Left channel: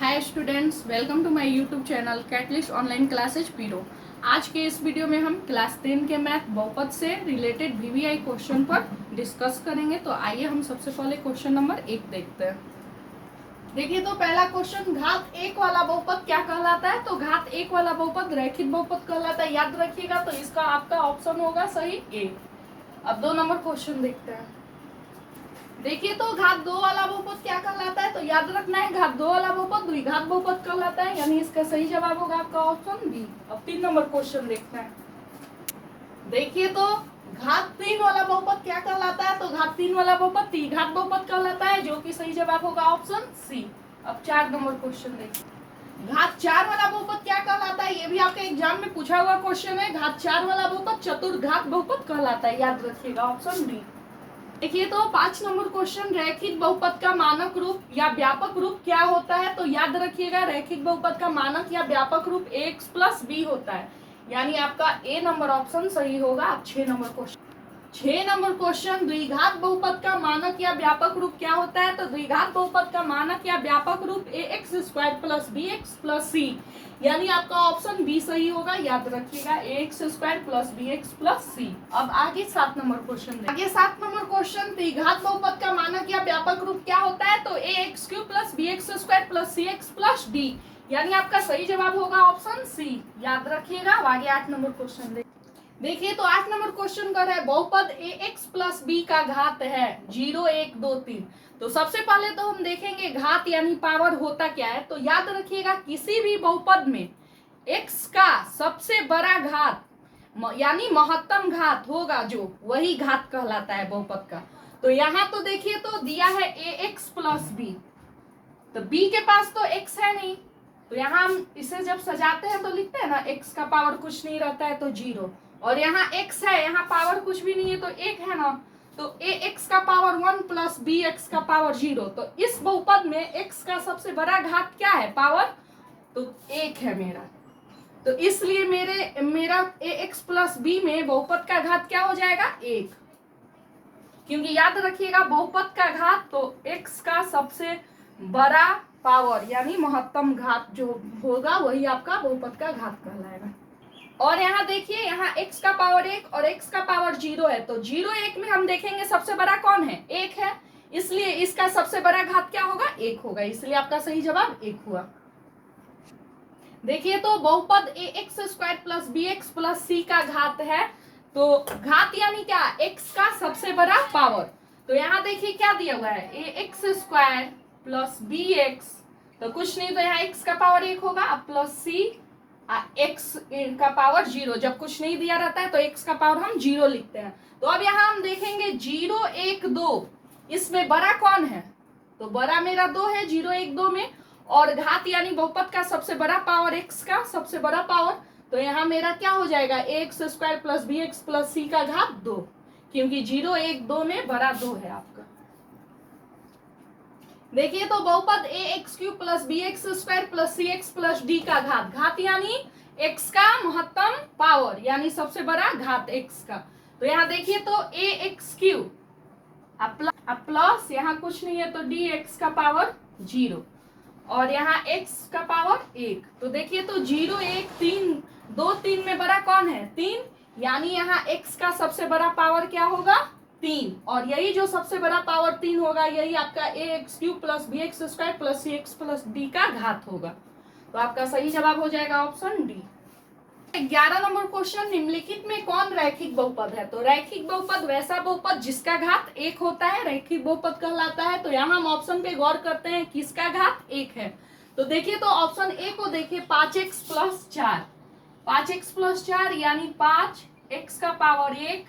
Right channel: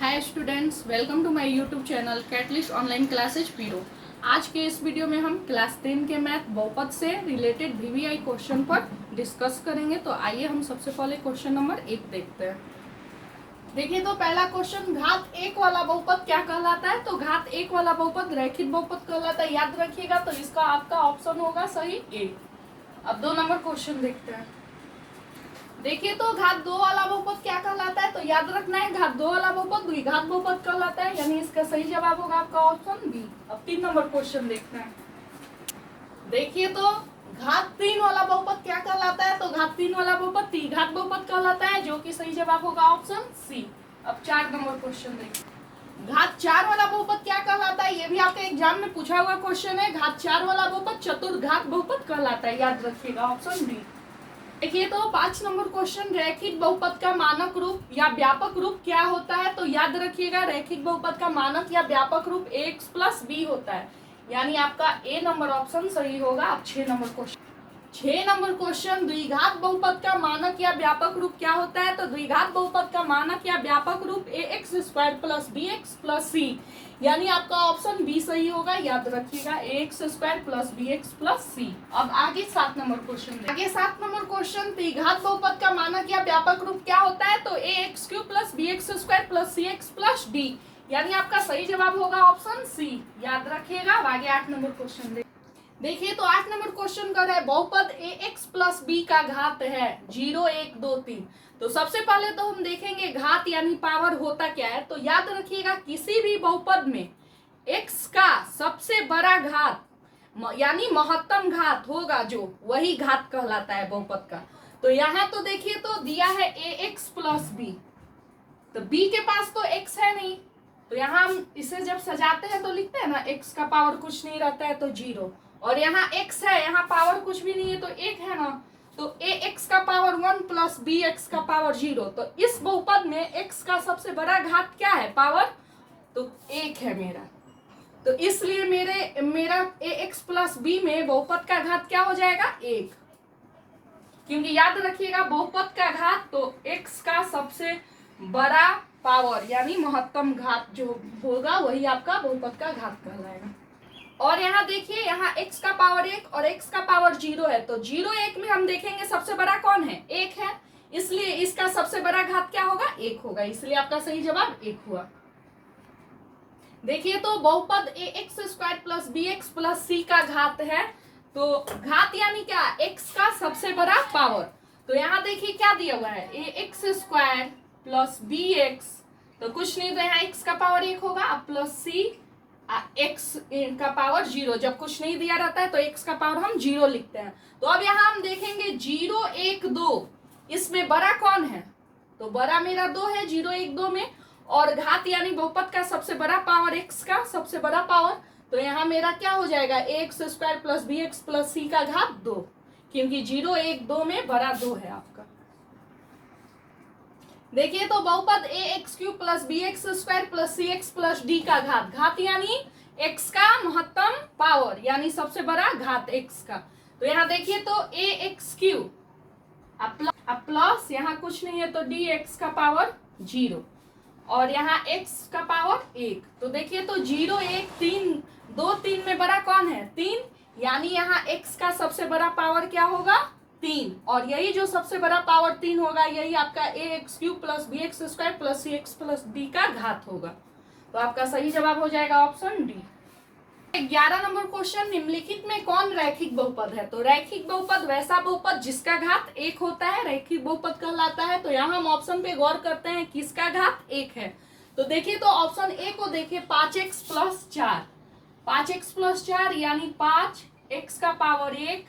Hi students, welcome to my YouTube channel catalyst online classes पीरो। आज के इस वीडियो में हम क्लास 10 के मैथ बहुपद से रिलेटेड वीवीआई क्वेश्चन पर डिस्कस करेंगे। तो आइए हम सबसे पहले क्वेश्चन नंबर 1 देखते हैं। देखिए तो पहला क्वेश्चन, घात 1 वाला बहुपद क्या कहलाता है? तो घात 1 वाला बहुपद रैखिक बहुपद कहलाता है, याद रखिएगा। तो इसका आपका ऑप्शन होगा सही ए। अब 2 नंबर क्वेश्चन देखते हैं। देखिए तो घात 2 वाला बहुपद क्या कहलाता है? तो याद रखना है, घात 2 वाला बहुपद द्विघात बहुपद कहलाता है, यानी इसका सही जवाब होगा आपका ऑप्शन बी। अब 3 नंबर क्वेश्चन देखते हैं। देखिए तो घात 3 वाला बहुपद क्या कहलाता है? तो घात 3 वाला बहुपद त्रिघात बहुपद कहलाता है, जो कि सही जवाब होगा ऑप्शन सी। अब 4 नंबर क्वेश्चन देखते हैं। घात 4 वाला बहुपद क्या कहलाता है? ये भी आपके एग्जाम में पूछा हुआ क्वेश्चन है। घात 4 वाला बहुपद चतुर्घात बहुपद कहलाता है, याद रखिएगा ऑप्शन बी। देखिए तो 5 नंबर क्वेश्चन, रैखिक बहुपद का मानक रूप या व्यापक रूप क्या होता है? तो याद रखिएगा, रैखिक बहुपद का मानक या व्यापक रूप ax प्लस बी होता है, यानी आपका ए नंबर ऑप्शन सही होगा। अब 6 नंबर क्वेश्चन, द्विघात बहुपद का मानक या व्यापक रूप क्या होता है? तो द्विघात बहुपद का मानक या व्यापक रूप ax square plus bx plus c, यानी आपका ऑप्शन बी सही होगा, याद रखिएगा, ax square plus bx plus c। अब आगे 7 नंबर क्वेश्चन, त्रिघात बहुपद का मानक या व्यापक रूप क्या होता है? तो ax cube plus bx square plus cx plus d, यानी आपका सही जवाब होगा ऑप्शन सी, याद रखिएगा। अब आगे 8 नंबर क्वेश्चन देखिए तो 8 नंबर क्वेश्चन कर है, बहुपद ax प्लस b का घात है 0 1 2 3। तो सबसे पहले तो हम देखेंगे घात यानी पावर होता क्या है। तो याद रखिएगा, किसी भी बहुपद में x का सबसे बड़ा घात यानी महत्तम घात होगा, जो वही घात कहलाता है बहुपद का। तो यहाँ तो देखिए तो दिया है ax प्लस b, तो b के पास तो x है नहीं, तो यहाँ हम इसे जब सजाते हैं तो लिखते हैं ना, x का पावर कुछ नहीं रहता है तो 0, और यहाँ x है, यहाँ पावर कुछ भी नहीं है तो 1 है ना, तो ax का पावर 1 प्लस bx का पावर 0। तो इस बहुपद में x का सबसे बड़ा घात क्या है? पावर, तो 1 है मेरा। तो इसलिए मेरा ax प्लस b में बहुपद का घात क्या हो जाएगा? 1, क्योंकि याद रखिएगा बहुपद का घात तो x का सबसे बड़ा पावर यानी महत्तम घात जो होगा वही आपका बहुपद का घात कहलाएगा। और यहाँ देखिए, यहाँ x का पावर 1 और x का पावर 0 है, तो 0 1 में हम देखेंगे सबसे बड़ा कौन है? 1 है, इसलिए इसका सबसे बड़ा घात क्या होगा? 1 होगा, इसलिए आपका सही जवाब 1 हुआ। देखिए तो बहुपद ax square plus bx plus c का घात है, तो घात यानी क्या? x का सबसे बड़ा पावर। तो यहाँ देखिए क्या दिया हुआ है, ax स्क्वायर प्लस bx, तो कुछ नहीं, तो यहाँ x का पावर 1 होगा, अब प्लस c x का पावर 0, जब कुछ नहीं दिया रहता है तो x का पावर हम 0 लिखते हैं। तो अब यहाँ हम देखेंगे 0 1 2, इसमें बड़ा कौन है? तो बड़ा मेरा 2 है 0 1 2 में, और घात यानी बहुपद का सबसे बड़ा पावर x का सबसे बड़ा पावर, तो यहाँ मेरा क्या हो जाएगा? ax square plus bx plus c का घात 2, क्योंकि 0 1 2 में बड़ा 2 है आपका। देखिए तो बहुपद ax cube plus bx square plus cx plus d का घात यानी x का महत्तम पावर यानी सबसे बड़ा घात x का। तो यहाँ देखिए तो ax क्यूब अब प्लस यहाँ कुछ नहीं है तो dx का पावर 0, और यहाँ x का पावर 1। तो देखिए तो 0 1 3 2 3 में बड़ा कौन है? 3, यानी यहाँ x का सबसे बड़ा पावर क्या होगा? 3, और यही जो सबसे बड़ा पावर 3 होगा यही आपका ax cube plus bx square plus cx plus d का घात होगा। तो आपका सही जवाब हो जाएगा ऑप्शन डी। 11 नंबर क्वेश्चन, निम्नलिखित में कौन रैखिक बहुपद है? तो रैखिक बहुपद वैसा बहुपद जिसका घात 1 होता है रैखिक बहुपद कहलाता है। तो यहाँ हम ऑप्शन पे गौर करते हैं, किसका घात 1 है। तो देखिए तो ऑप्शन ए को देखिए, 5x प्लस 4, 5x प्लस 4 यानी 5x का पावर 1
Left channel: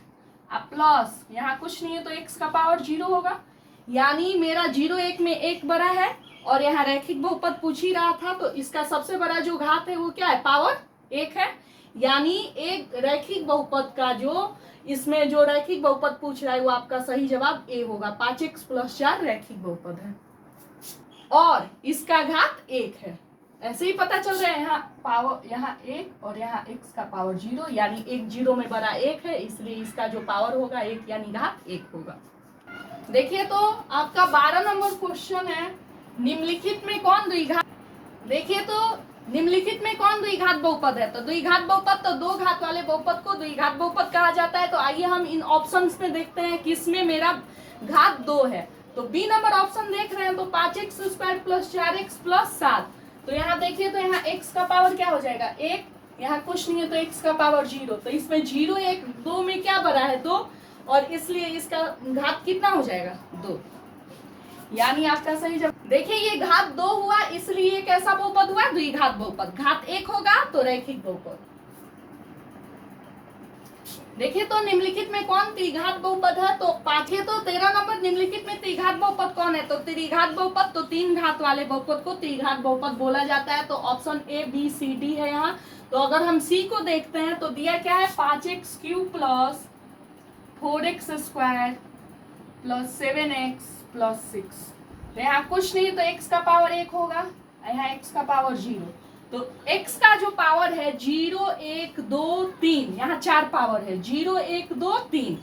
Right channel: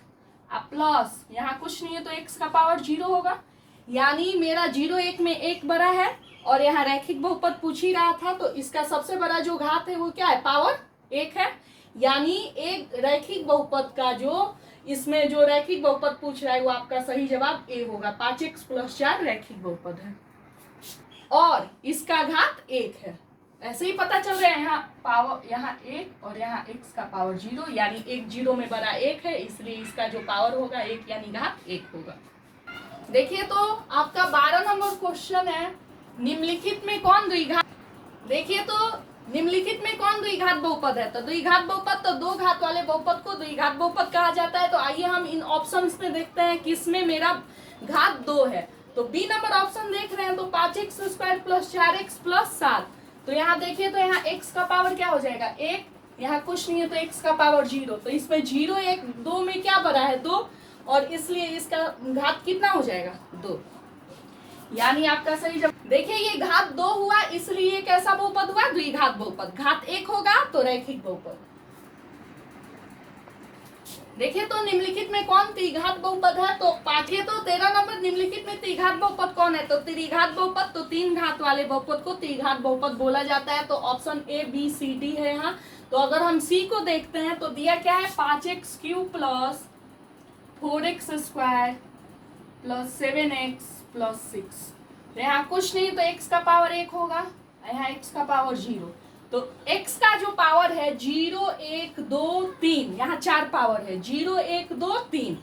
प्लस यहाँ कुछ नहीं है तो x का पावर 0 होगा, यानी मेरा 0 1 में 1 बड़ा है, और यहाँ रैखिक बहुपद पूछ ही रहा था, तो इसका सबसे बड़ा जो घात है वो क्या है? पावर 1 है, यानी एक रैखिक बहुपद का जो इसमें जो रैखिक बहुपद पूछ रहा है वो आपका सही जवाब ए होगा। 5x प्लस 4 रैखिक बहुपद है और इसका घात 1 है। ऐसे ही पता चल रहा है, यहाँ पावर यहाँ 1 और यहाँ x का पावर 0, यानी 1 0 में बड़ा 1 है, इसलिए इसका जो पावर होगा 1 यानी घात 1 होगा। देखिए तो आपका 12 नंबर क्वेश्चन है, निम्नलिखित में कौन द्विघात देखिए तो निम्नलिखित में कौन द्विघात बहुपद है? तो द्विघात बहुपद तो दो घात वाले बहुपद को द्विघात बहुपद कहा जाता है। तो आइए हम इन ऑप्शंस में देखते हैं किसमें मेरा घात 2 है। तो बी नंबर ऑप्शन देख रहे हैं तो 5x² प्लस 4x प्लस 7। तो यहाँ देखिए तो यहाँ x का पावर क्या हो जाएगा 1, यहाँ कुछ नहीं है तो x का पावर 0। तो इसमें 0 1 2 में क्या बड़ा है 2, और इसलिए इसका घात कितना हो जाएगा 2। यानी आपका सही जवाब। देखिए ये घात 2 हुआ, इसलिए कैसा बहुपद हुआ? द्विघात बहुपद। घात 1 होगा तो रैखिक बहुपद। देखिए तो निम्नलिखित में कौन त्रिघात बहुपद है? तो पाठ्य तो 13 नंबर निम्नलिखित में त्रिघात बहुपद कौन है? तो त्रिघात बहुपद तो 3 घात वाले बहुपद को त्रिघात बहुपद बोला जाता है। तो option A B C D है यहाँ। तो अगर हम सी को देखते हैं तो दिया क्या है 5x³ plus 4x² plus 7x plus 6। तो यहाँ कुछ नहीं तो x का पावर 1 होगा, यहाँ x का पावर 0। तो x का जो पावर है 0 1 2 3, यहाँ 4 पावर है 0 1 2 3।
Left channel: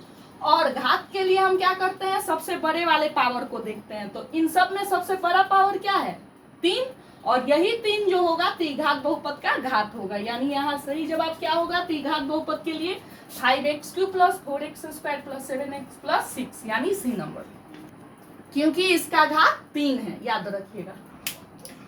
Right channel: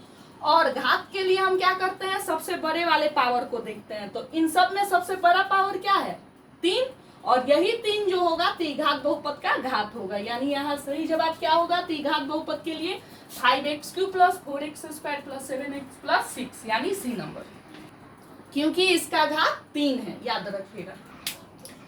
और घात के लिए हम क्या करते हैं? सबसे बड़े वाले पावर को देखते हैं। तो इन सब में सबसे बड़ा पावर क्या है 3, और यही 3 जो होगा त्रिघात बहुपद का घात होगा। यानी यहाँ सही जवाब क्या होगा त्रिघात बहुपद के लिए 5x³ plus 4x² plus 7x plus 6, यानी सी नंबर, क्योंकि इसका घात 3 है, याद रखिएगा।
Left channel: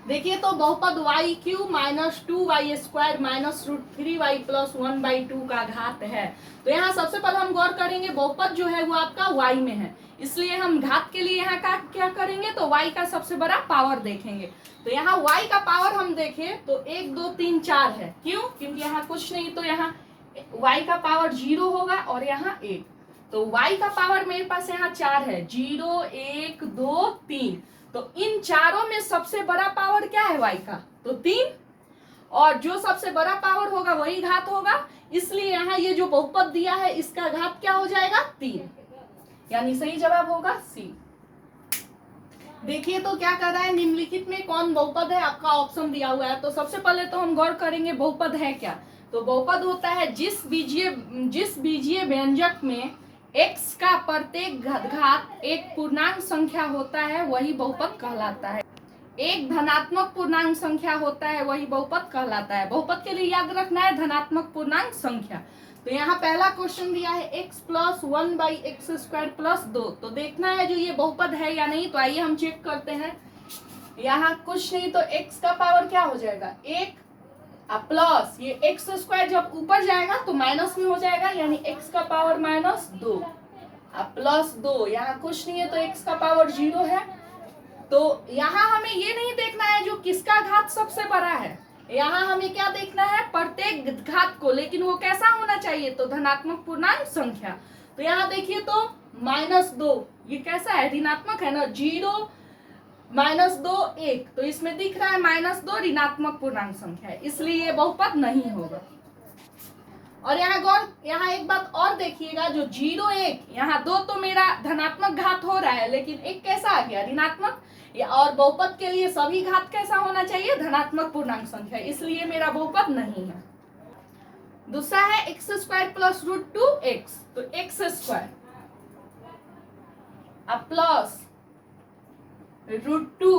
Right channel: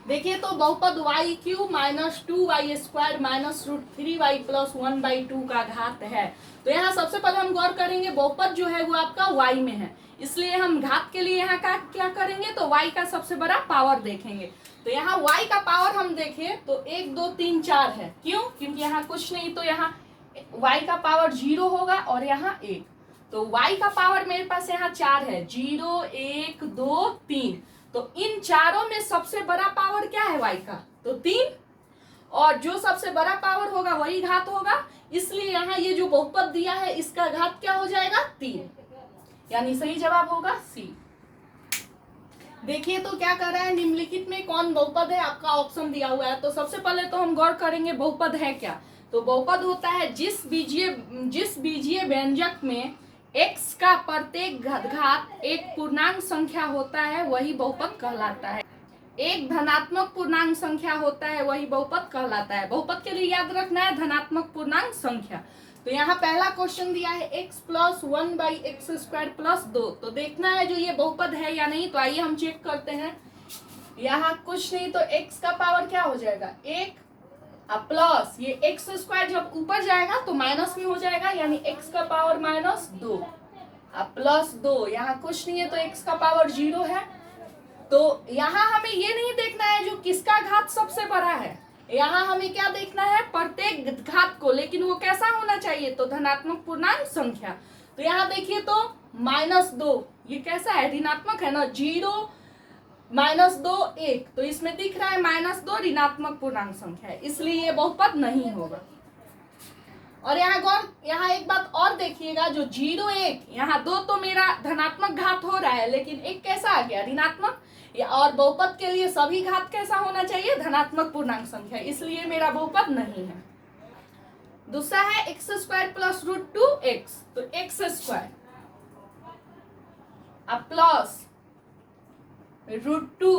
देखिए तो बहुपद y³ minus 2y² minus √3y plus 1/2 का घात है। तो यहाँ सबसे पहले हम गौर करेंगे बहुपद जो है वो आपका y में है, इसलिए हम घात के लिए यहाँ का क्या करेंगे तो y का सबसे बड़ा पावर देखेंगे। तो यहाँ y का पावर हम देखें तो 1 2 3 4 है। क्यों? क्योंकि यहाँ कुछ नहीं तो यहाँ y का पावर 0 होगा और यहाँ 1। तो y का पावर मेरे पास यहाँ 4 है 0 1 2 3। तो इन चारों में सबसे बड़ा पावर क्या है y का? तो 3, और जो सबसे बड़ा पावर होगा वही घात होगा, इसलिए यहाँ ये जो बहुपद दिया है इसका घात क्या हो जाएगा 3, यानी सही जवाब होगा सी। देखिए तो क्या कर रहा है निम्नलिखित में कौन बहुपद है? आपका ऑप्शन दिया हुआ है। तो सबसे पहले तो हम गौर करेंगे बहुपद है क्या। तो बहुपद होता है जिस बीजीय व्यंजक में x का प्रत्येक घात एक पूर्णांक संख्या होता है वही बहुपद कहलाता है। एक धनात्मक पूर्णांक संख्या होता है वही बहुपद कहलाता है। बहुपद के लिए याद रखना है धनात्मक पूर्णांक संख्या। तो यहाँ पहला क्वेश्चन दिया है x प्लस 1/x² प्लस 2। तो देखना है जो ये बहुपद है या नहीं। तो आइए हम चेक करते हैं। यहाँ कुछ नहीं तो x का पावर क्या हो जाएगा 1 प्लस ये x² जब ऊपर जाएगा तो माइनस में हो जाएगा, यानी x का पावर -2 प्लस 2। यहाँ कुछ नहीं है तो x का पावर 0 है। तो यहाँ हमें ये नहीं देखना है जो किसका घात सबसे बड़ा है, यहाँ हमें क्या देखना है प्रत्येक घात को, लेकिन वो कैसा होना चाहिए तो धनात्मक पूर्णांक संख्या। तो यहाँ देखिए तो -2 ये कैसा है ऋणात्मक है ना, 0 -2 1। तो इसमें दिख रहा है -2 ऋणात्मक पूर्णांक संख्या है, इसलिए ये बहुपद नहीं होगा। और यहाँ एक बात और देखिएगा, जो 0 1 यहाँ 2 तो मेरा धनात्मक घात हो रहा है, लेकिन एक कैसा आ गया ऋणात्मक। और बहुपद के लिए सभी घात कैसा होना चाहिए धनात्मक पूर्णांक संख्या, इसलिए मेरा बहुपद नहीं है। दूसरा है x² प्लस √2x। तो x² प्लस √2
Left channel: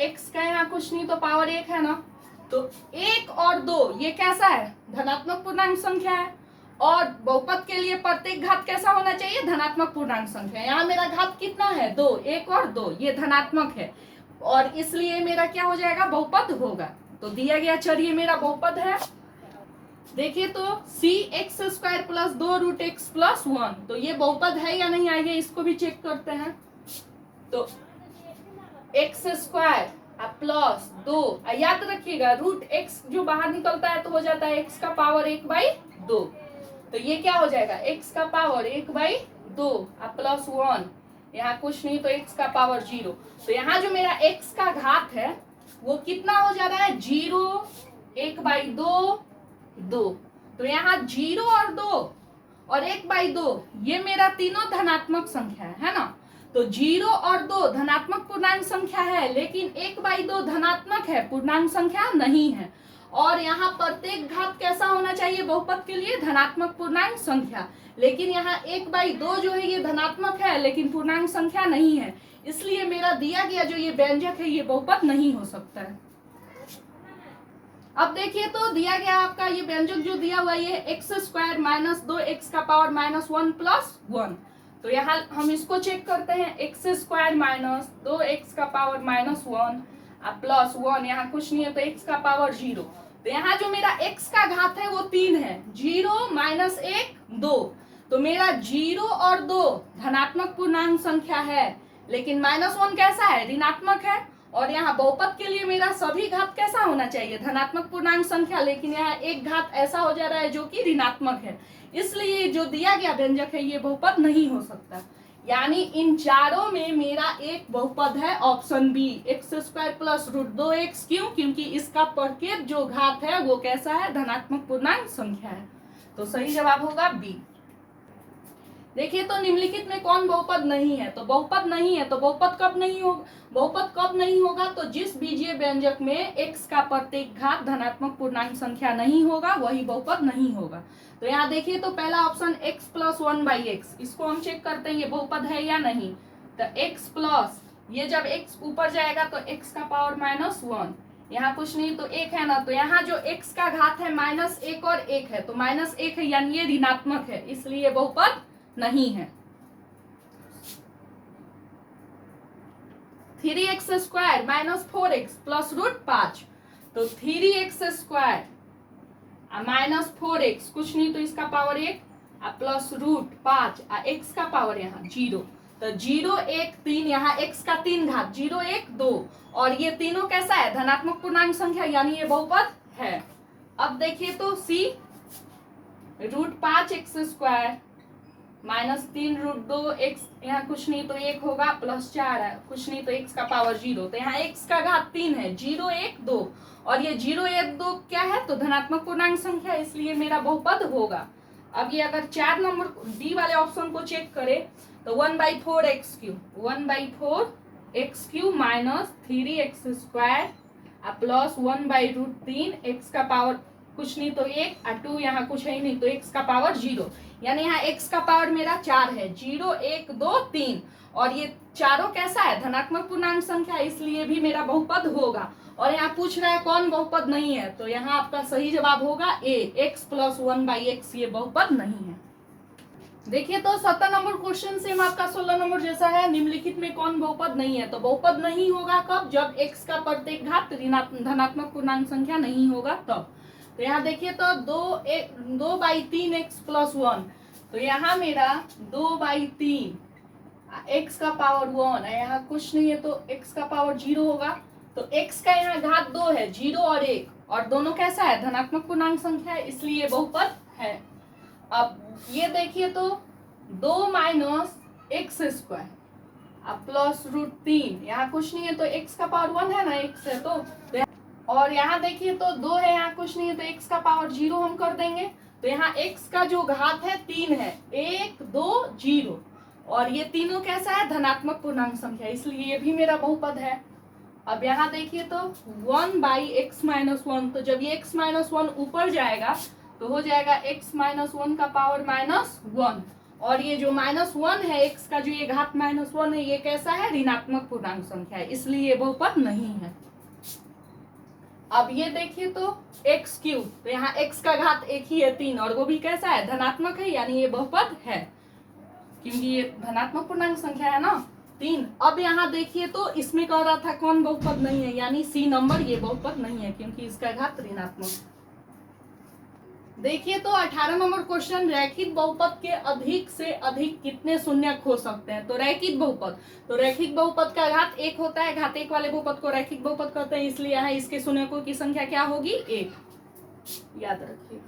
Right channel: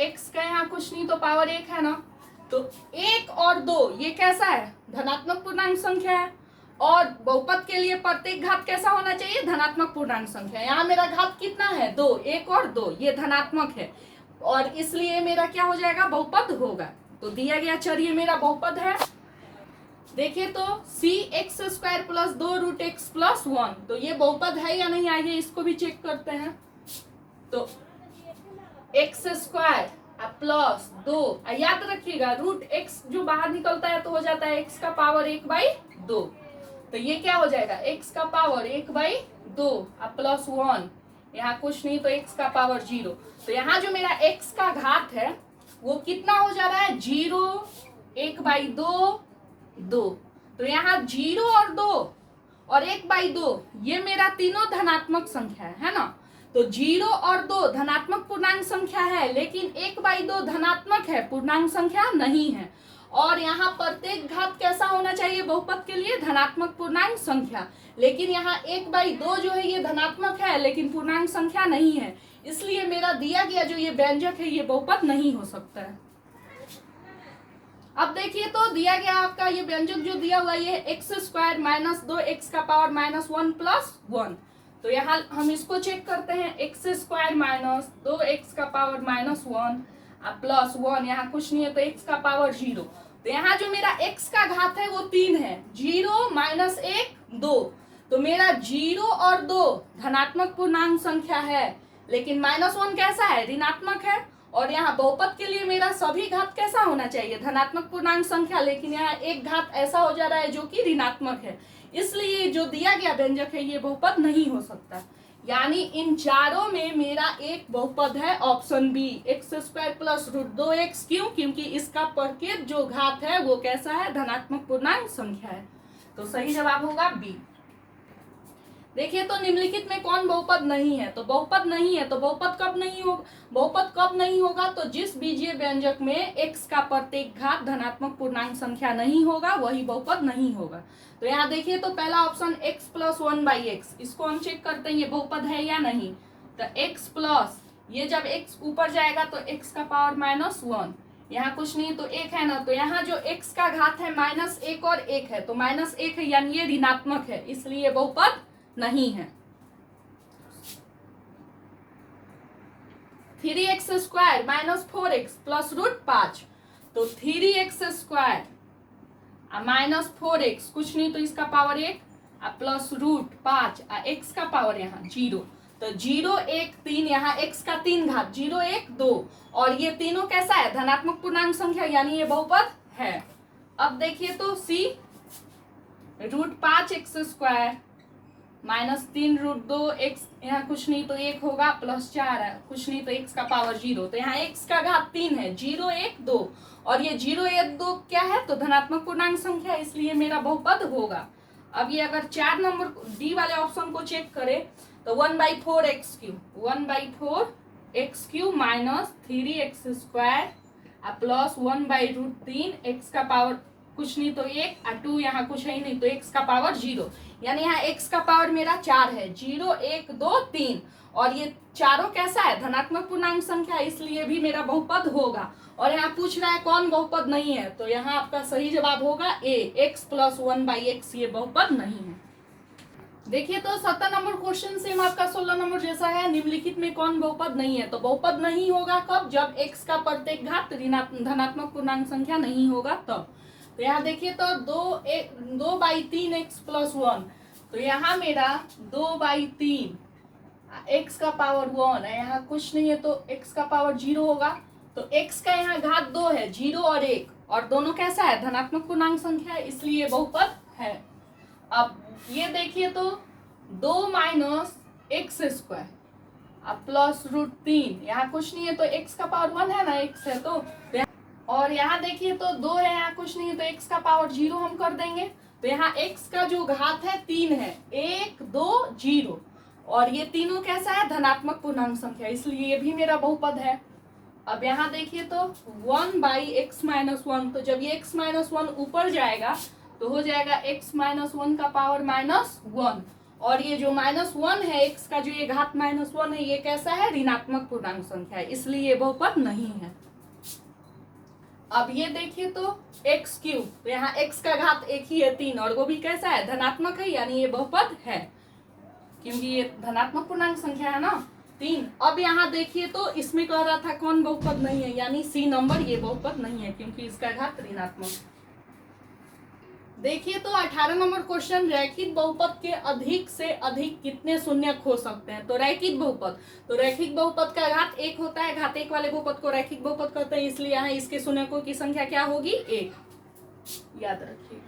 x का यहाँ कुछ नहीं तो पावर 1 है ना। तो 1 और 2 ये कैसा है धनात्मक पूर्णांक संख्या है, और बहुपद के लिए प्रत्येक घात कैसा होना चाहिए धनात्मक पूर्णांक संख्या। यहाँ मेरा घात कितना है 2, 1 और 2 ये धनात्मक है, और इसलिए मेरा क्या हो जाएगा बहुपद होगा। तो दिया गया चर ये मेरा बहुपद है। देखिए तो c x² plus 2√x plus 1। तो ये बहुपद है या नहीं, आइए इसको भी चेक करते हैं। तो x² प्लस 2, याद रखिएगा √x जो बाहर निकलता है तो हो जाता है x का पावर 1/2। तो ये क्या हो जाएगा x का पावर 1/2 प्लस 1, यहाँ कुछ नहीं तो x का पावर 0। तो यहाँ जो मेरा x का घात है वो कितना हो जा रहा है 0 1/2 2। तो यहाँ 0 और 2 और 1/2 ये मेरा तीनों धनात्मक संख्या है ना। तो 0 और 2 धनात्मक पूर्णांक संख्या है, लेकिन 1/2 धनात्मक है पूर्णांक संख्या नहीं है। और यहाँ प्रत्येक घात कैसा होना चाहिए बहुपद के लिए धनात्मक पूर्णांक संख्या, लेकिन यहाँ 1/2 जो है ये धनात्मक है लेकिन पूर्णांक संख्या नहीं है, इसलिए मेरा दिया गया जो ये व्यंजक है ये बहुपद नहीं हो सकता है। अब देखिए तो दिया गया आपका ये व्यंजक जो दिया हुआ ये एक्स स्क्वायर माइनस 2x का पावर -1 प्लस 1। तो यहाँ हम इसको चेक करते हैं, एक्स स्क्वायर माइनस 2x का पावर -1 प्लस 1, यहाँ कुछ नहीं है तो x का पावर 0। तो यहाँ जो मेरा x का घात है वो 3 है, 0 माइनस 1 2। तो मेरा 0 और 2 धनात्मक पूर्णांक संख्या है, लेकिन -1 कैसा है, ऋणात्मक है। और यहाँ बहुपद के लिए मेरा सभी घात कैसा होना चाहिए, धनात्मक पूर्णांक संख्या, लेकिन यहाँ एक घात ऐसा हो जा रहा है जो कि ऋणात्मक है, इसलिए जो दिया गया व्यंजक है ये बहुपद नहीं हो सकता। यानी इन चारों में मेरा एक बहुपद है, option B, x square plus √2x। क्यों? क्योंकि इसका प्रत्येक जो घात है वो कैसा है, धनात्मक पूर्णांक संख्या है। तो सही जवाब होगा बी। देखिए तो निम्नलिखित में कौन बहुपद नहीं है, तो बहुपद नहीं है, तो बहुपद कब नहीं होगा, बहुपद कब नहीं होगा, तो जिस बीजीय व्यंजक में x का प्रत्येक घात धनात्मक पूर्णांक संख्या नहीं होगा वही बहुपद नहीं होगा। तो यहाँ देखिए तो पहला ऑप्शन x प्लस 1/x, इसको हम चेक करते हैं ये बहुपद है या नहीं। तो x प्लस, ये जब x ऊपर जाएगा तो x का पावर -1, यहाँ कुछ नहीं तो 1 है ना, तो यहाँ जो x का घात है -1 और 1 है, तो -1 है यानी ये ऋणात्मक है, इसलिए बहुपद नहीं है। 3x square minus 4x plus √5, तो 3x स्क्वायर माइनस 4x कुछ नहीं तो इसका पावर 1 प्लस √5 x का पावर यहाँ 0। तो 0 1 3, यहाँ x का 3 घात 0 1 2, और ये तीनों कैसा है, धनात्मक पूर्णांक संख्या, यानी ये बहुपद है। अब देखिए तो c, √5x square minus 3√2x, यहाँ कुछ नहीं तो 1 होगा प्लस 4 है, कुछ नहीं तो x का पावर 0। तो यहाँ x का घात 3 है, 0 1 2, और ये 0 1 2 क्या है, तो धनात्मक पूर्णांक संख्या, इसलिए मेरा बहुपद होगा। अब ये अगर 4 नंबर डी वाले ऑप्शन को चेक करें तो 1/4x³ 1/4x³ minus 3x square plus 1/√3 x का पावर कुछ नहीं तो 1 और 2, यहाँ कुछ है ही नहीं तो x का पावर 0, यानी यहाँ x का पावर मेरा 4 है, 0 1 2 3, और ये चारों कैसा है, धनात्मक पूर्णांक संख्या, इसलिए भी मेरा बहुपद होगा। और यहाँ पूछ रहा है कौन बहुपद नहीं है, तो यहाँ आपका सही जवाब होगा ए, x प्लस 1/x, ये बहुपद नहीं है। देखिए तो 17 नंबर क्वेश्चन सेम आपका 16 नंबर जैसा है, निम्नलिखित में कौन बहुपद नहीं है, तो बहुपद नहीं होगा कब, जब x का प्रत्येक घात धनात्मक पूर्णांक संख्या नहीं होगा तब। तो यहाँ देखिए तो 2/3x प्लस 1, तो यहाँ मेरा 2/3 x का पावर 1 है, यहाँ कुछ नहीं है तो x का पावर 0 होगा। तो x का यहाँ घात 2 है, 0 और 1, और दोनों कैसा है, धनात्मक पूर्णांक संख्या है, इसलिए बहुपद है। अब ये देखिए तो 2 माइनस एक्स स्क्वायर प्लस √3, यहाँ कुछ नहीं है तो x का पावर 1 है ना, x है तो, और यहाँ देखिए तो 2 है, यहाँ कुछ नहीं है तो x का पावर 0 हम कर देंगे। तो यहाँ x का जो घात है 3 है, 1 2 0, और ये तीनों कैसा है, धनात्मक पूर्णांक संख्या, इसलिए ये भी मेरा बहुपद है। अब यहाँ देखिए तो 1/x-1, तो जब ये x-1 ऊपर जाएगा तो हो जाएगा x-1 का पावर -1, और ये जो -1 है x का जो ये घात -1 है, ये कैसा है, ऋणात्मक पूर्णांक संख्या है, इसलिए ये बहुपद नहीं है। अब ये देखिए तो x³, तो यहाँ x का घात 1 ही है 3, और वो भी कैसा है, धनात्मक है, यानी ये बहुपद है, क्योंकि ये धनात्मक पूर्णांक संख्या है ना 3। अब यहाँ देखिए तो इसमें कह रहा था कौन बहुपद नहीं है, यानी सी नंबर, ये बहुपद नहीं है क्योंकि इसका घात ऋणात्मक। देखिए तो 18 नंबर क्वेश्चन, रैखिक बहुपद के अधिक से अधिक कितने शून्यक हो सकते हैं। तो रैखिक बहुपद, तो रैखिक बहुपद का घात 1 होता है, घात 1 वाले बहुपद को रैखिक बहुपद कहते हैं, इसलिए यहाँ इसके शून्यकों की संख्या क्या होगी, 1, याद रखिए।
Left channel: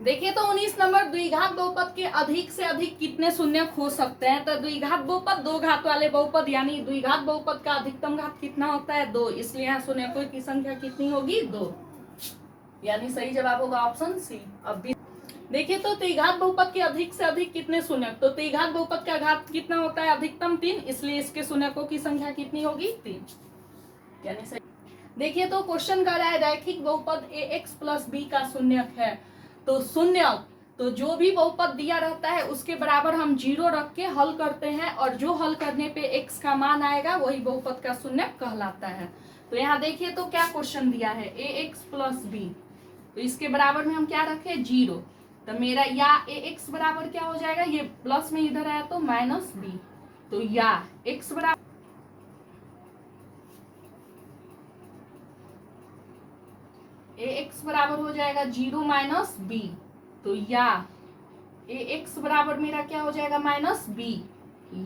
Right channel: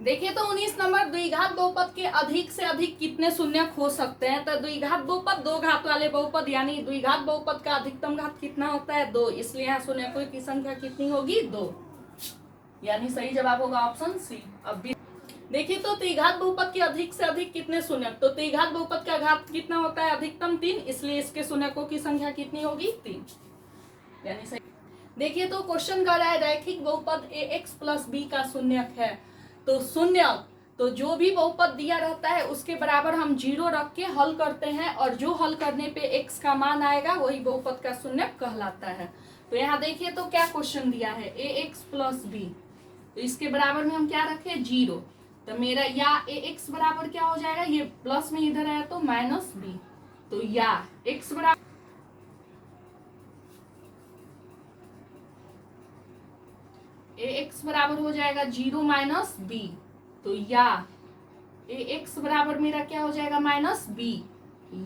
देखिए तो 19 नंबर, द्विघात बहुपद के अधिक से अधिक कितने शून्यक हो सकते हैं। तो द्विघात बहुपद 2 घात वाले बहुपद, यानी द्विघात बहुपद का अधिकतम घात कितना होता है, 2, इसलिए यहाँ शून्यकों की संख्या कितनी होगी, 2, यानी सही जवाब होगा ऑप्शन सी। अब देखिए तो त्रिघात बहुपद के अधिक से अधिक कितने शून्यक, तो त्रिघात बहुपद का घात कितना होता है, अधिकतम 3, इसलिए इसके शून्यकों की संख्या कितनी होगी, 3, यानी सही। देखिए तो क्वेश्चन कर रहा है रैखिक बहुपद ax + b का शून्यक है, तो शून्यक तो जो भी बहुपद दिया रहता है उसके बराबर हम 0 रख के हल करते हैं, और जो हल करने पे x का मान आएगा वही बहुपद का शून्यक कहलाता है। तो यहाँ देखिए तो क्या क्वेश्चन दिया है, ax प्लस b, तो इसके बराबर में हम क्या रखे 0। तो मेरा या ax बराबर क्या हो जाएगा, ये प्लस में इधर आया तो माइनस b, तो या x बराबर ax बराबर हो जाएगा 0 माइनस b, तो या ax बराबर मेरा क्या हो जाएगा माइनस b,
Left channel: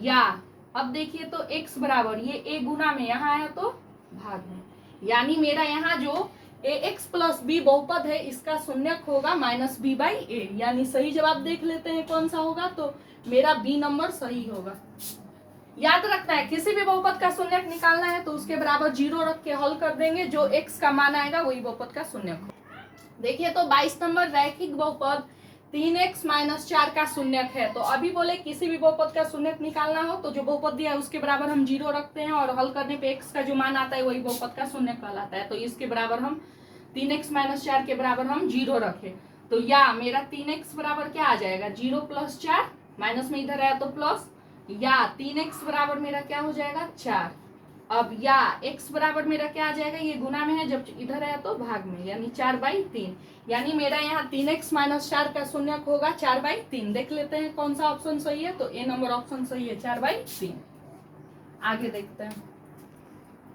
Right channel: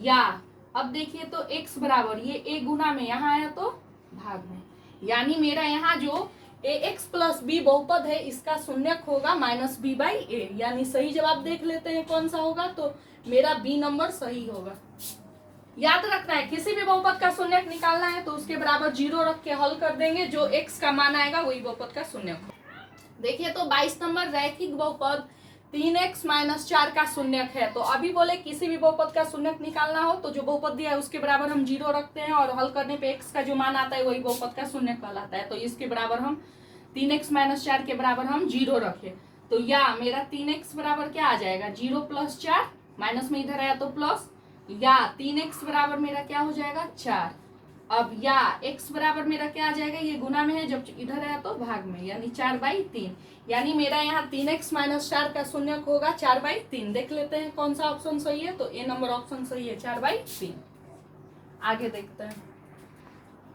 या अब देखिए तो x बराबर ये a गुना में यहाँ आया तो भाग में, यानी मेरा यहाँ जो ax प्लस b बहुपद है इसका शून्यक होगा माइनस b बाई ए, यानी सही जवाब देख लेते हैं कौन सा होगा, तो मेरा b नंबर सही होगा। याद रखना है किसी भी बहुपद का शून्यक निकालना है तो उसके बराबर 0 रख के हल कर देंगे, जो x का मान आएगा वही बहुपद का शून्यक होगा। देखिए तो 22 नंबर रैखिक बहुपद 3x माइनस 4 का शून्यक है। तो अभी बोले किसी भी बहुपद का शून्यक निकालना हो तो जो बहुपद दिया है उसके बराबर हम 0 रखते हैं, और हल करने पे x का जो मान आता है वही बहुपद का शून्यक कहलाता है। तो इसके बराबर हम 3x माइनस 4 के बराबर हम 0 रखे, तो या मेरा 3x बराबर क्या आ जाएगा 0 प्लस 4, माइनस में इधर आया तो प्लस, या 3x बराबर मेरा क्या हो जाएगा 4। अब या x बराबर मेरा क्या आ जाएगा, ये गुना में है जब इधर आया तो भाग में, यानी 4/3, यानी मेरा यहाँ 3x माइनस 4 का शून्यक होगा 4/3। देख लेते हैं कौन सा ऑप्शन सही है, तो ए नंबर ऑप्शन सही है 4/3। आगे देखते हैं।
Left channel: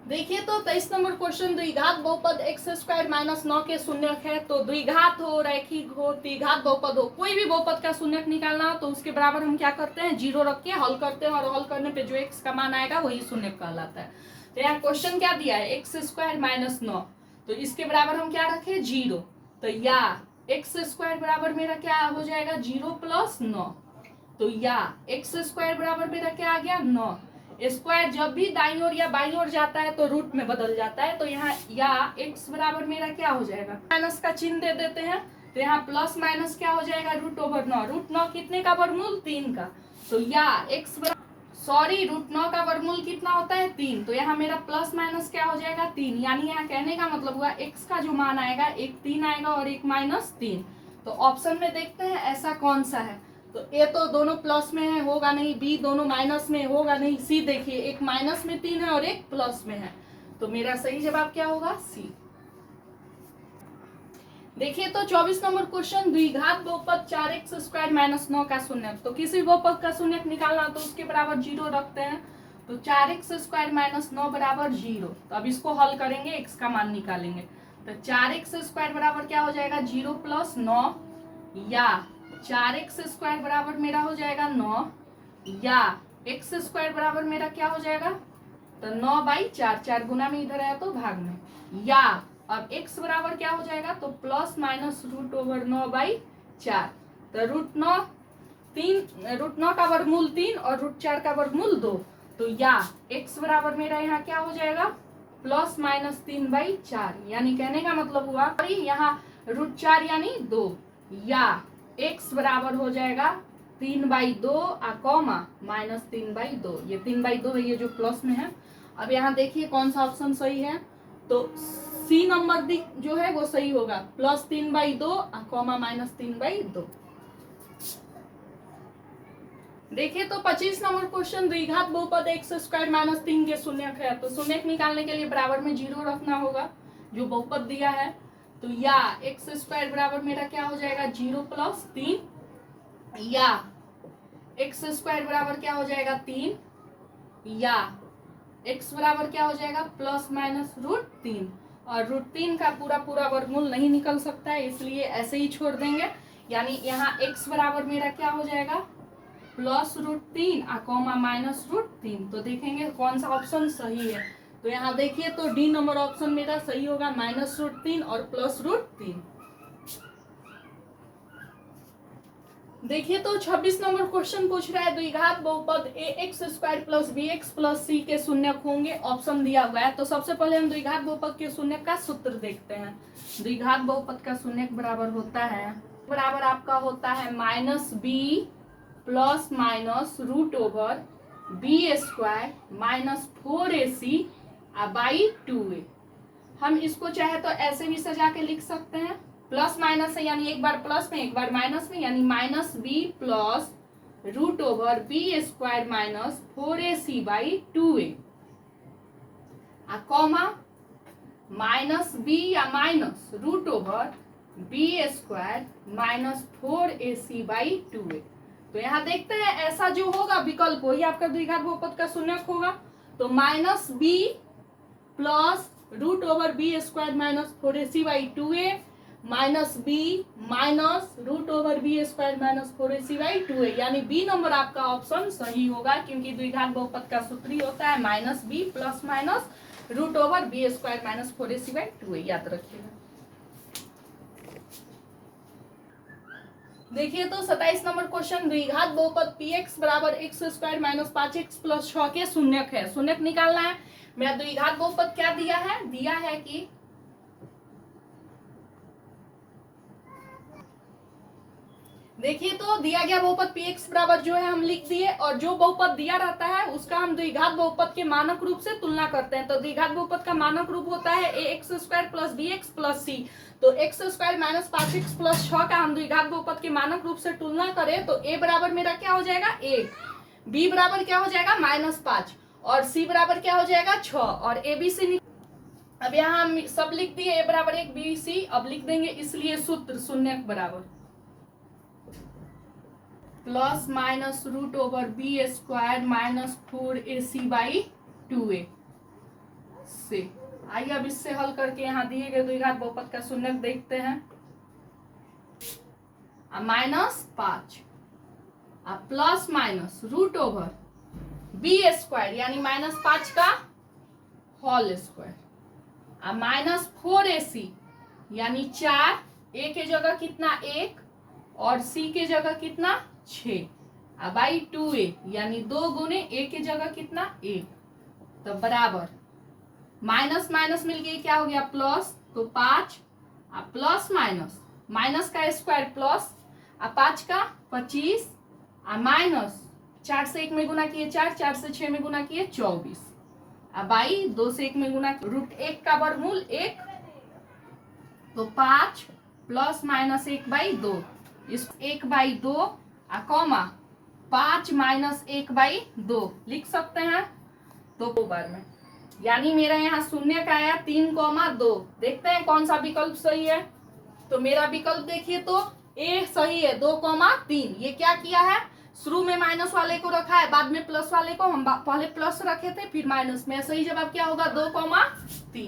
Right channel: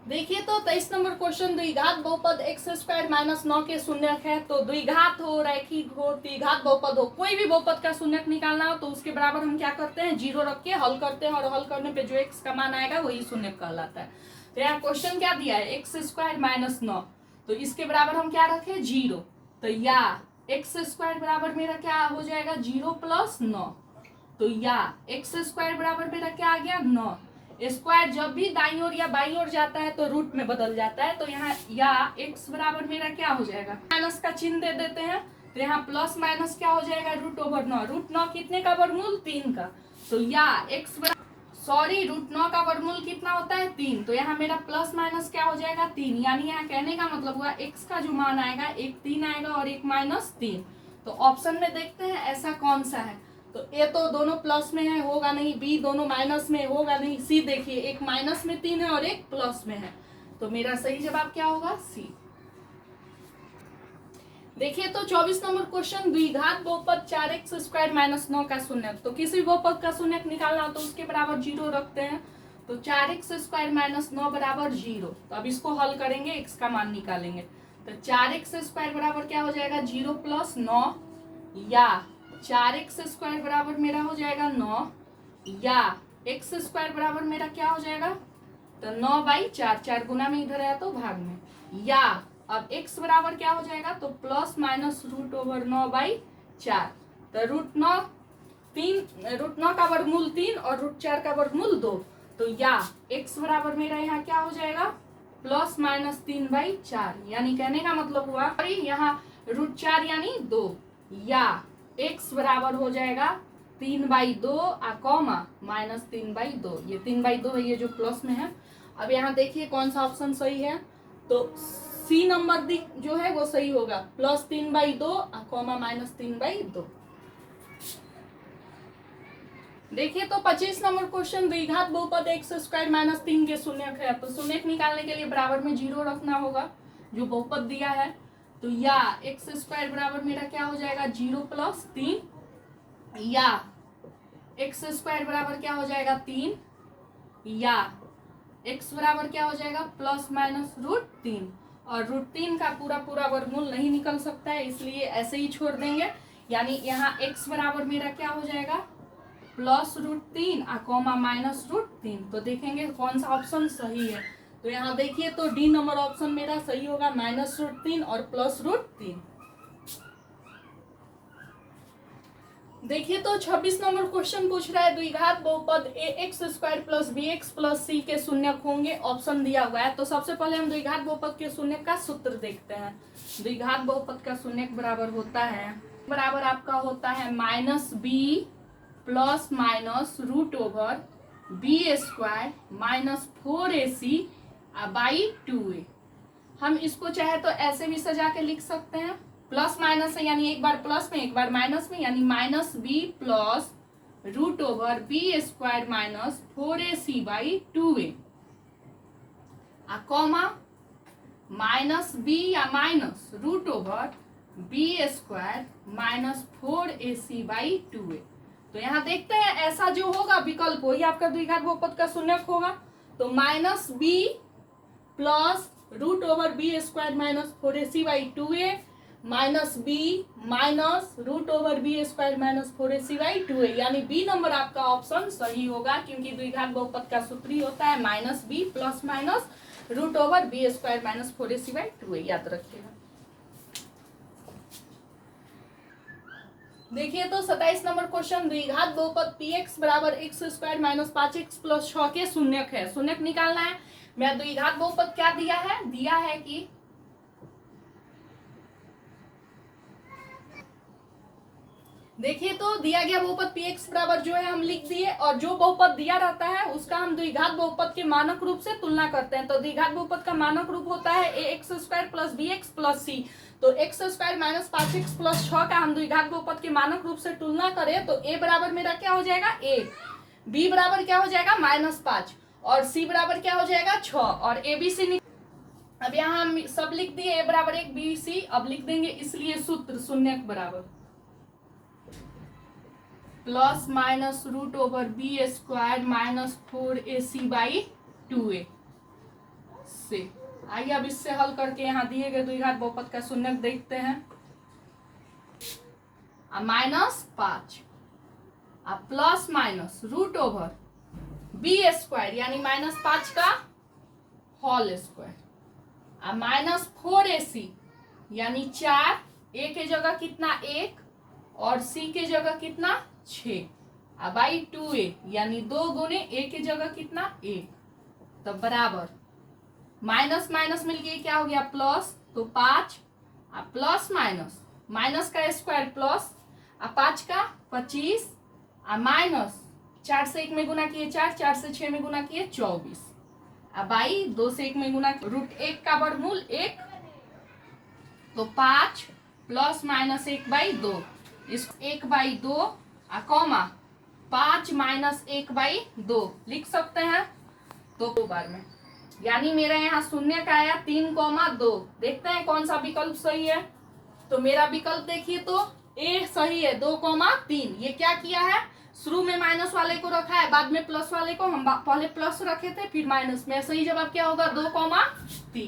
देखिए तो 23 नंबर क्वेश्चन, द्विघात बहुपद x स्क्वायर माइनस 9 के शून्यक है। तो द्विघात हो, रैखिक हो, त्रिघात बहुपद हो, कोई भी बहुपद का शून्यक निकालना हो तो उसके बराबर हम क्या करते हैं 0 रख के हल करते हैं, और हल करने पे जो x का मान आएगा वही शून्यक कहलाता है। तो यहाँ क्वेश्चन क्या दिया है x स्क्वायर माइनस 9, तो इसके बराबर हम क्या रखे 0, तो या x स्क्वायर बराबर मेरा क्या हो जाएगा 0 प्लस 9, तो या x स्क्वायर बराबर मेरा क्या आ गया 9। स्क्वायर जब भी दाईं ओर या बाईं ओर जाता है तो रूट में बदल जाता है, तो यहाँ या x बराबर मेरा क्या हो जाएगा, माइनस का चिन्ह दे देते हैं, तो यहाँ प्लस माइनस क्या हो जाएगा √9। √9 कितने का वर्गमूल 3 का, तो या x बराबर √9 का वर्गमूल कितना होता है 3, तो यहाँ मेरा प्लस माइनस क्या हो जाएगा 3, यानी यहाँ कहने का मतलब हुआ x का जो मान आएगा एक 3 आएगा और एक -3। तो ऑप्शन में देखते हैं ऐसा कौन सा है, तो ए तो दोनों प्लस में है होगा नहीं, बी दोनों माइनस में होगा नहीं, सी देखिए एक माइनस में 3 है और एक प्लस में है, तो मेरा सही जवाब क्या होगा सी। देखिए तो 24 नंबर क्वेश्चन, द्विघात बहुपद 4x स्क्वायर माइनस 9 का शून्यक। तो किसी बहुपद का शून्यक निकालना हो तो उसके बराबर 0 रखते हैं, तो 4x स्क्वायर माइनस 9 बराबर 0। तो अब इसको हल करेंगे x का मान निकालेंगे, तो 4x स्क्वायर बराबर क्या हो जाएगा 0 प्लस 9, या 4x स्क्वायर बराबर मेरा हो जाएगा 9, या x स्क्वायर बराबर मेरा क्या हो जाएगा, तो 9/4, 4 गुना में इधर आया तो भाग में, या अब x बराबर क्या हो जाएगा, तो प्लस माइनस √9/4, तो √9 का वर्गमूल 3 और √4 का वर्गमूल 2, तो या x बराबर मेरा यहाँ क्या हो जाएगा प्लस माइनस 3/4, यानी कहने का मतलब हुआ यहाँ √4 यानी 2, या x बराबर हो जाएगा 3/2 कॉमा माइनस 3/2, ये 3/2 है, ये जो प्लस में है। अब यहाँ देखिए कौन सा ऑप्शन सही है, तो सी नंबर जो है वो सही होगा, प्लस 3/2 कॉमा माइनस 3/2। देखिए तो 25 नंबर क्वेश्चन, द्विघात बहुपद x स्क्वायर माइनस 3 के शून्यक है। तो शून्यक निकालने के लिए बराबर में 0 रखना होगा जो बहुपद दिया है, तो या x स्क्वायर बराबर मेरा क्या हो जाएगा 0 प्लस 3, या x स्क्वायर बराबर क्या हो जाएगा 3, या x बराबर क्या हो जाएगा प्लस माइनस √3, और √3 का पूरा वर्गमूल नहीं निकल सकता है इसलिए ऐसे ही छोड़ देंगे, यानी यहाँ x बराबर मेरा क्या हो जाएगा प्लस √3 कॉमा माइनस √3। तो देखेंगे कौन सा ऑप्शन सही है, तो यहाँ देखिए तो डी नंबर ऑप्शन मेरा सही होगा -√3 और प्लस √3। देखिए तो 26 नंबर क्वेश्चन पूछ रहा है, द्विघात बहुपद ax square plus bx plus c के शून्यक होंगे, ऑप्शन दिया हुआ है। तो सबसे पहले हम द्विघात बहुपद के शून्यक का सूत्र देखते हैं। द्विघात बहुपद का शून्यक बराबर होता है, बराबर आपका होता है -b plus minus √b square minus 4ac/2a। हम इसको चाहे तो ऐसे भी सजा के लिख सकते हैं, प्लस माइनस है यानी एक बार प्लस में एक बार माइनस में, यानी minus b plus root over b square minus 4ac/2a comma minus b या minus root over b square minus 4ac/2a। तो यहाँ देखते हैं ऐसा जो होगा विकल्प वही आपका द्विघात बहुपद का शून्यक होगा। तो minus b plus root over b square minus 4ac/2a minus b minus root over b square minus 4ac/2a, यानी बी नंबर आपका ऑप्शन सही होगा, क्योंकि द्विघात बहुपद का सूत्र ही होता है minus b plus minus root over b square minus 4ac/2a, याद रखिएगा। देखिए तो 27 नंबर क्वेश्चन, द्विघात बहुपद px बराबर x square minus 5x plus 6 के शून्यक है। शून्यक निकालना है। मेरा द्विघात बहुपद क्या दिया है कि देखिए तो दिया गया बहुपद px बराबर जो है हम लिख दिए, और जो बहुपद दिया रहता है उसका हम द्विघात बहुपद के मानक रूप से तुलना करते हैं। तो द्विघात बहुपद का मानक रूप होता है ax square plus bx plus c। तो x square minus 5x plus 6 का हम द्विघात बहुपद के मानक रूप से तुलना करें तो a बराबर मेरा क्या हो जाएगा 1, b बराबर क्या हो जाएगा -5 और c बराबर क्या हो जाएगा 6 और a b c। अब यहाँ हम सब लिख दिए, a बराबर 1 b c। अब लिख देंगे इसलिए सूत्र शून्यक बराबर plus minus root over b square minus 4ac/2a से। आइए अब इससे हल करके यहाँ दिए गए द्विघात बहुपद का शून्यक देखते हैं। -5 plus minus root over b square यानी -5 का होल स्क्वायर माइनस 4ac यानी 4, a के जगह कितना 1 और c के जगह कितना 6 /2a यानी 2 गुने a के जगह कितना 1। तो बराबर माइनस माइनस मिल गई क्या हो गया प्लस, तो 5 प्लस माइनस माइनस का स्क्वायर प्लस 5 का 25 माइनस 4 से 1 में गुना किए 4, 4 से 6 में गुना किए 24 बाई 2 से 1 में गुना √1 का वर्गमूल 1। तो 5 प्लस माइनस 1/2 इस 1/2 कॉमा 5 माइनस 1/2 लिख सकते हैं। तो 2 बार में यानी मेरा यहाँ शून्य का आया 3,2। देखते हैं कौन सा विकल्प सही है। तो मेरा विकल्प देखिए तो ए सही है 2,3। ये क्या किया है, शुरू में माइनस वाले को रखा है, बाद में प्लस वाले को। हम पहले प्लस रखे थे फिर माइनस में। सही जवाब क्या होगा 2,3।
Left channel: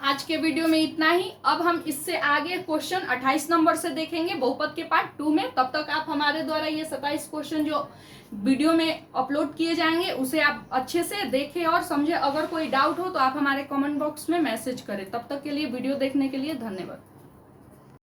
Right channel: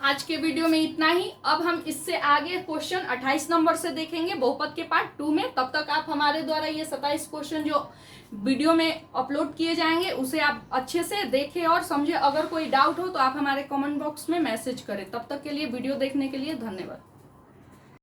आज के वीडियो में इतना ही। अब हम इससे आगे क्वेश्चन 28 नंबर से देखेंगे बहुपद के पार्ट 2 में। तब तक आप हमारे द्वारा ये 27 क्वेश्चन जो वीडियो में अपलोड किए जाएंगे उसे आप अच्छे से देखें और समझे। अगर कोई डाउट हो तो आप हमारे कमेंट बॉक्स में मैसेज करें। तब तक के लिए वीडियो देखने के लिए धन्यवाद।